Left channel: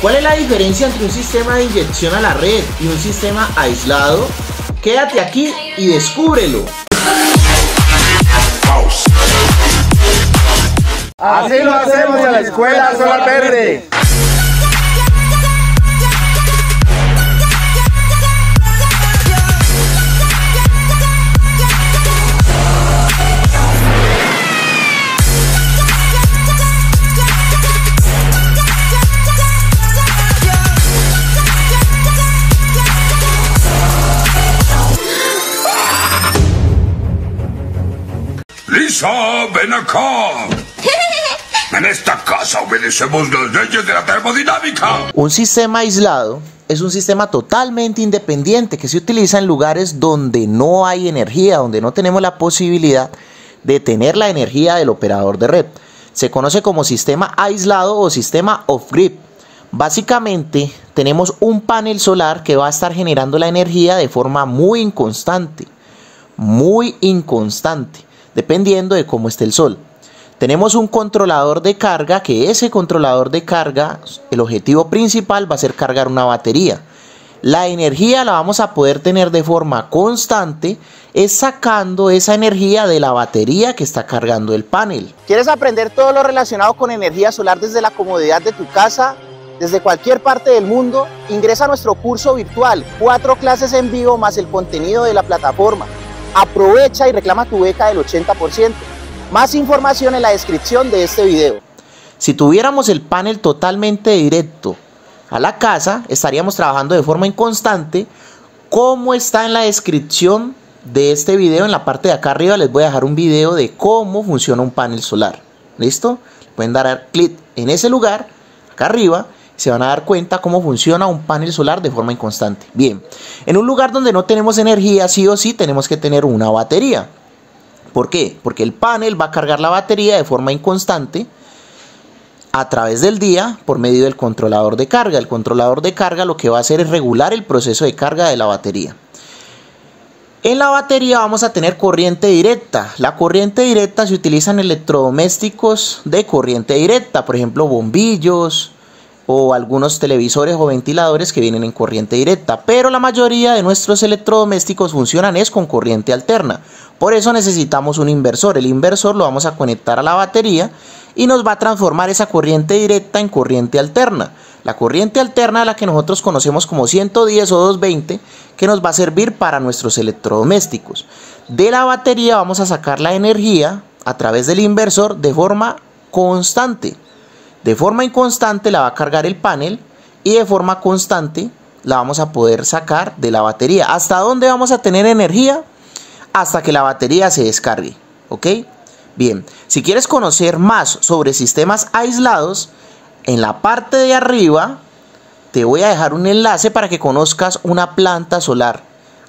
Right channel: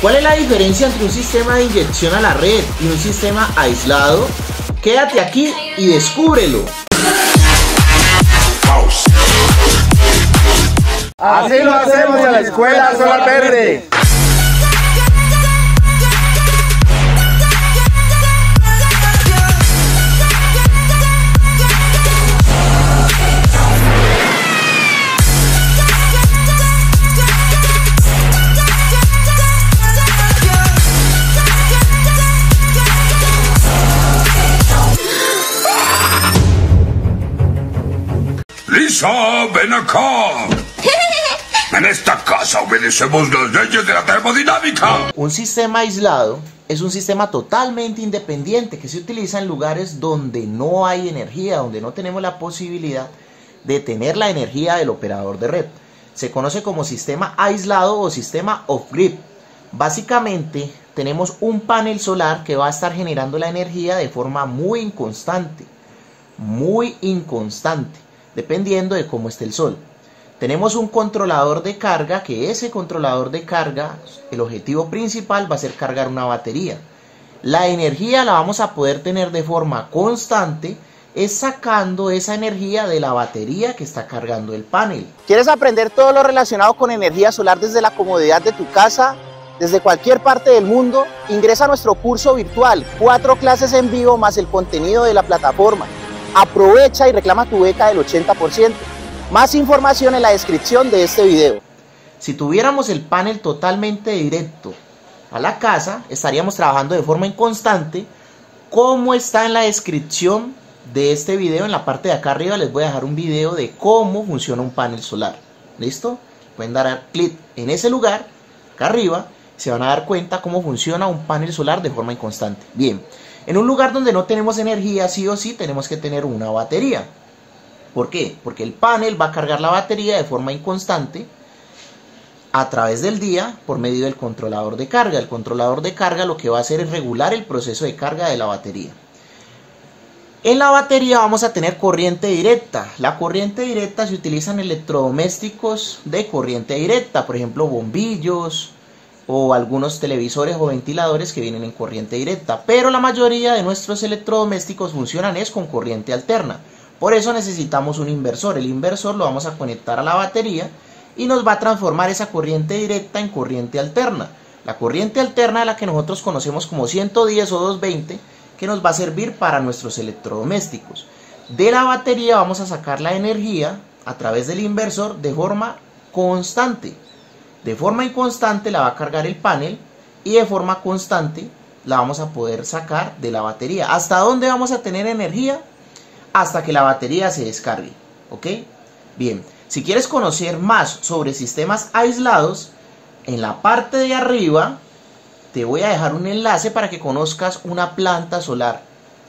¿Cuál es la diferencia entre un sistema de inyección a la red y un sistema aislado? Quédate aquí y descúbrelo. Así lo hacemos en la Escuela Solar Verde. Lisa, ven acá. En esta casa obedecemos las leyes de la termodinámica. Un sistema aislado es un sistema totalmente independiente que se utiliza en lugares donde no hay energía, donde no tenemos la posibilidad de tener la energía del operador de red. Se conoce como sistema aislado o sistema off-grid. Básicamente tenemos un panel solar que va a estar generando la energía de forma muy inconstante, dependiendo de cómo esté el sol. Tenemos un controlador de carga, que ese controlador de carga, el objetivo principal va a ser cargar una batería. La energía la vamos a poder tener de forma constante, es sacando esa energía de la batería que está cargando el panel. ¿Quieres aprender todo lo relacionado con energía solar desde la comodidad de tu casa, desde cualquier parte del mundo? Ingresa a nuestro curso virtual, 4 clases en vivo más el contenido de la plataforma. Aprovecha y reclama tu beca del 80%. Más información en la descripción de este video. Si tuviéramos el panel totalmente directo a la casa, estaríamos trabajando de forma inconstante, como está en la descripción de este video. En la parte de acá arriba les voy a dejar un video de cómo funciona un panel solar. ¿Listo? Pueden dar clic en ese lugar, acá arriba, se van a dar cuenta cómo funciona un panel solar de forma inconstante. Bien, en un lugar donde no tenemos energía, sí o sí tenemos que tener una batería. ¿Por qué? Porque el panel va a cargar la batería de forma inconstante a través del día por medio del controlador de carga. El controlador de carga lo que va a hacer es regular el proceso de carga de la batería. En la batería vamos a tener corriente directa. La corriente directa se utiliza en electrodomésticos de corriente directa, por ejemplo bombillos o algunos televisores o ventiladores que vienen en corriente directa, pero la mayoría de nuestros electrodomésticos funcionan es con corriente alterna. Por eso necesitamos un inversor. El inversor lo vamos a conectar a la batería y nos va a transformar esa corriente directa en corriente alterna. La corriente alterna es la que nosotros conocemos como 110 o 220, que nos va a servir para nuestros electrodomésticos. De la batería vamos a sacar la energía a través del inversor de forma constante. De forma inconstante la va a cargar el panel y de forma constante la vamos a poder sacar de la batería. ¿Hasta dónde vamos a tener energía? Hasta que la batería se descargue, ¿ok? Bien, si quieres conocer más sobre sistemas aislados, en la parte de arriba te voy a dejar un enlace para que conozcas una planta solar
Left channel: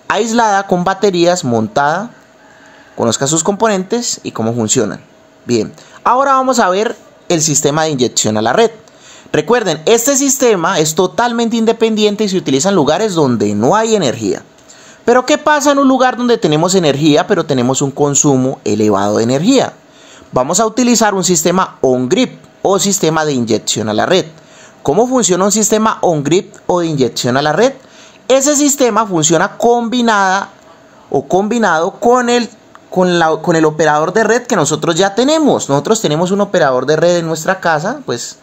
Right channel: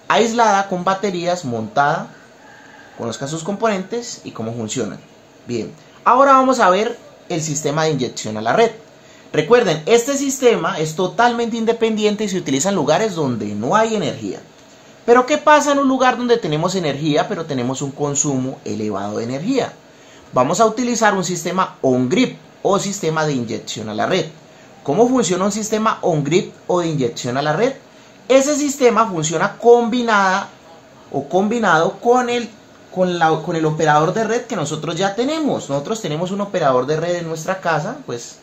aislada con baterías montada, conozcas sus componentes y cómo funcionan. Bien, ahora vamos a ver el sistema de inyección a la red. Recuerden, este sistema es totalmente independiente y se utiliza en lugares donde no hay energía. Pero ¿qué pasa en un lugar donde tenemos energía pero tenemos un consumo elevado de energía? Vamos a utilizar un sistema on-grid o sistema de inyección a la red. ¿Cómo funciona un sistema on-grid o de inyección a la red? Ese sistema funciona combinado con el operador de red que nosotros ya tenemos. Nosotros tenemos un operador de red en nuestra casa, pues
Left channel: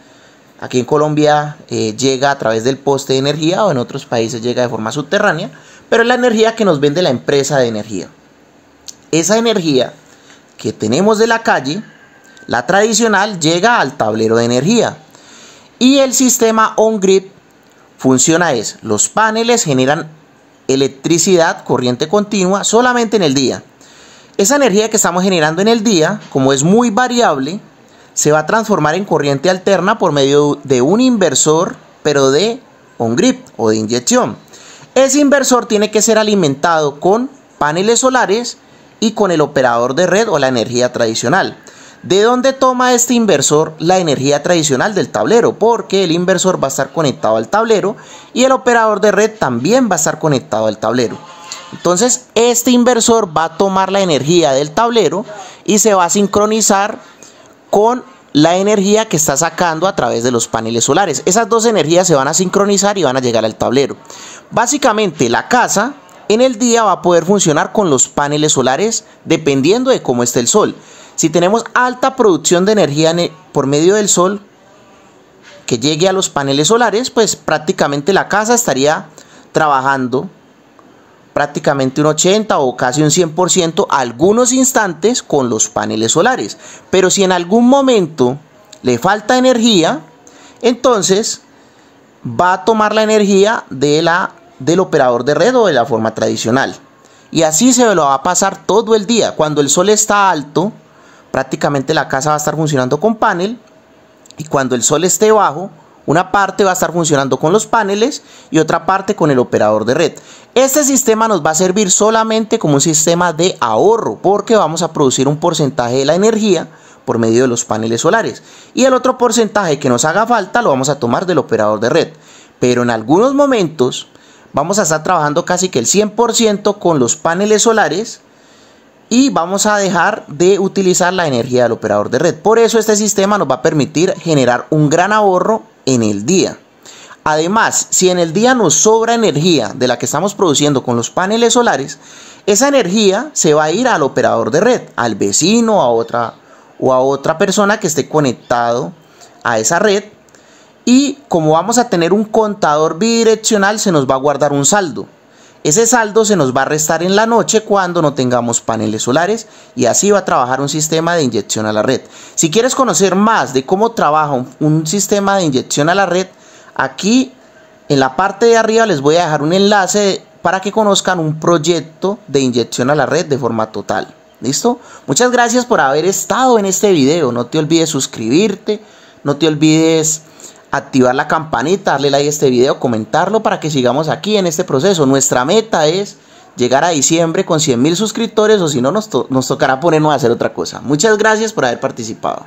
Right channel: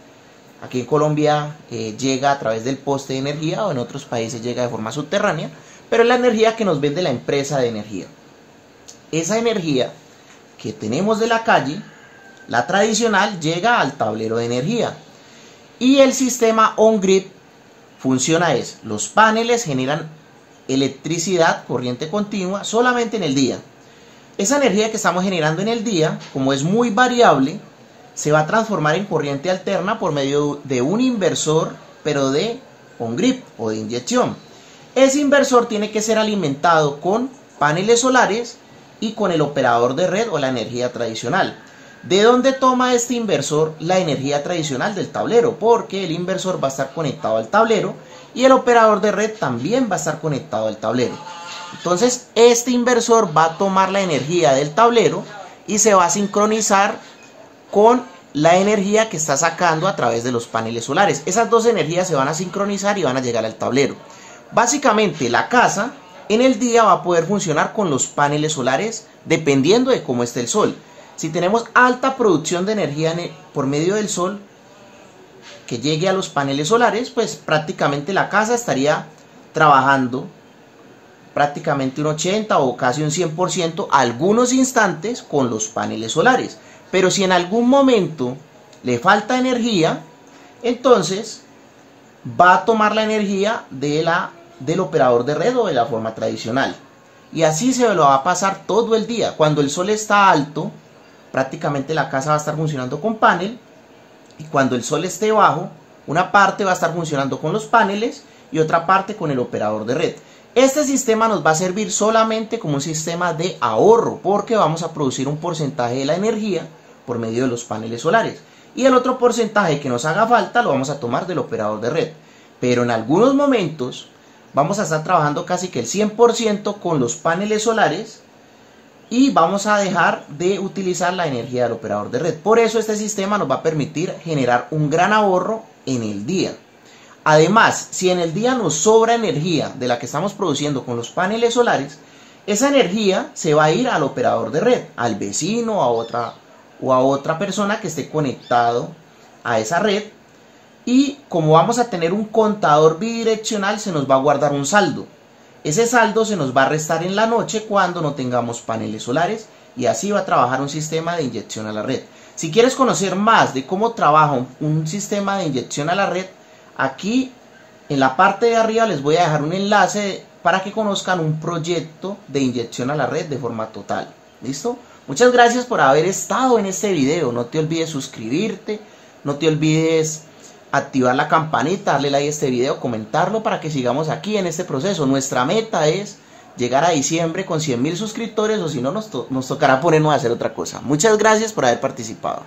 aquí en Colombia llega a través del poste de energía, o en otros países llega de forma subterránea, pero es la energía que nos vende la empresa de energía. Esa energía que tenemos de la calle, la tradicional, llega al tablero de energía. Y el sistema on-grid funciona los paneles generan electricidad, corriente continua, solamente en el día. Esa energía que estamos generando en el día, como es muy variable, se va a transformar en corriente alterna por medio de un inversor, pero de on-grid o de inyección. Ese inversor tiene que ser alimentado con paneles solares y con el operador de red o la energía tradicional. ¿De dónde toma este inversor la energía tradicional? Del tablero, porque el inversor va a estar conectado al tablero y el operador de red también va a estar conectado al tablero. Entonces este inversor va a tomar la energía del tablero y se va a sincronizar con la energía que está sacando a través de los paneles solares. Esas dos energías se van a sincronizar y van a llegar al tablero. Básicamente la casa en el día va a poder funcionar con los paneles solares dependiendo de cómo esté el sol. Si tenemos alta producción de energía por medio del sol que llegue a los paneles solares, pues prácticamente la casa estaría trabajando prácticamente un 80 o casi un 100% algunos instantes con los paneles solares. Pero si en algún momento le falta energía, entonces va a tomar la energía del operador de red o de la forma tradicional. Y así se lo va a pasar todo el día. Cuando el sol está alto, prácticamente la casa va a estar funcionando con panel. Y cuando el sol esté bajo, una parte va a estar funcionando con los paneles y otra parte con el operador de red. Este sistema nos va a servir solamente como un sistema de ahorro, porque vamos a producir un porcentaje de la energía por medio de los paneles solares. Y el otro porcentaje que nos haga falta lo vamos a tomar del operador de red. Pero en algunos momentos vamos a estar trabajando casi que el 100% con los paneles solares y vamos a dejar de utilizar la energía del operador de red. Por eso este sistema nos va a permitir generar un gran ahorro en el día. Además, si en el día nos sobra energía de la que estamos produciendo con los paneles solares, esa energía se va a ir al operador de red, al vecino a otra persona que esté conectado a esa red. Y como vamos a tener un contador bidireccional, se nos va a guardar un saldo. Ese saldo se nos va a restar en la noche cuando no tengamos paneles solares y así va a trabajar un sistema de inyección a la red. Si quieres conocer más de cómo trabaja un sistema de inyección a la red, aquí en la parte de arriba les voy a dejar un enlace para que conozcan un proyecto de inyección a la red de forma total. ¿Listo? Muchas gracias por haber estado en este video. No te olvides suscribirte, no te olvides activar la campanita, darle like a este video, comentarlo para que sigamos aquí en este proceso. Nuestra meta es llegar a diciembre con 100.000 suscriptores, o si no nos tocará ponernos a hacer otra cosa. Muchas gracias por haber participado.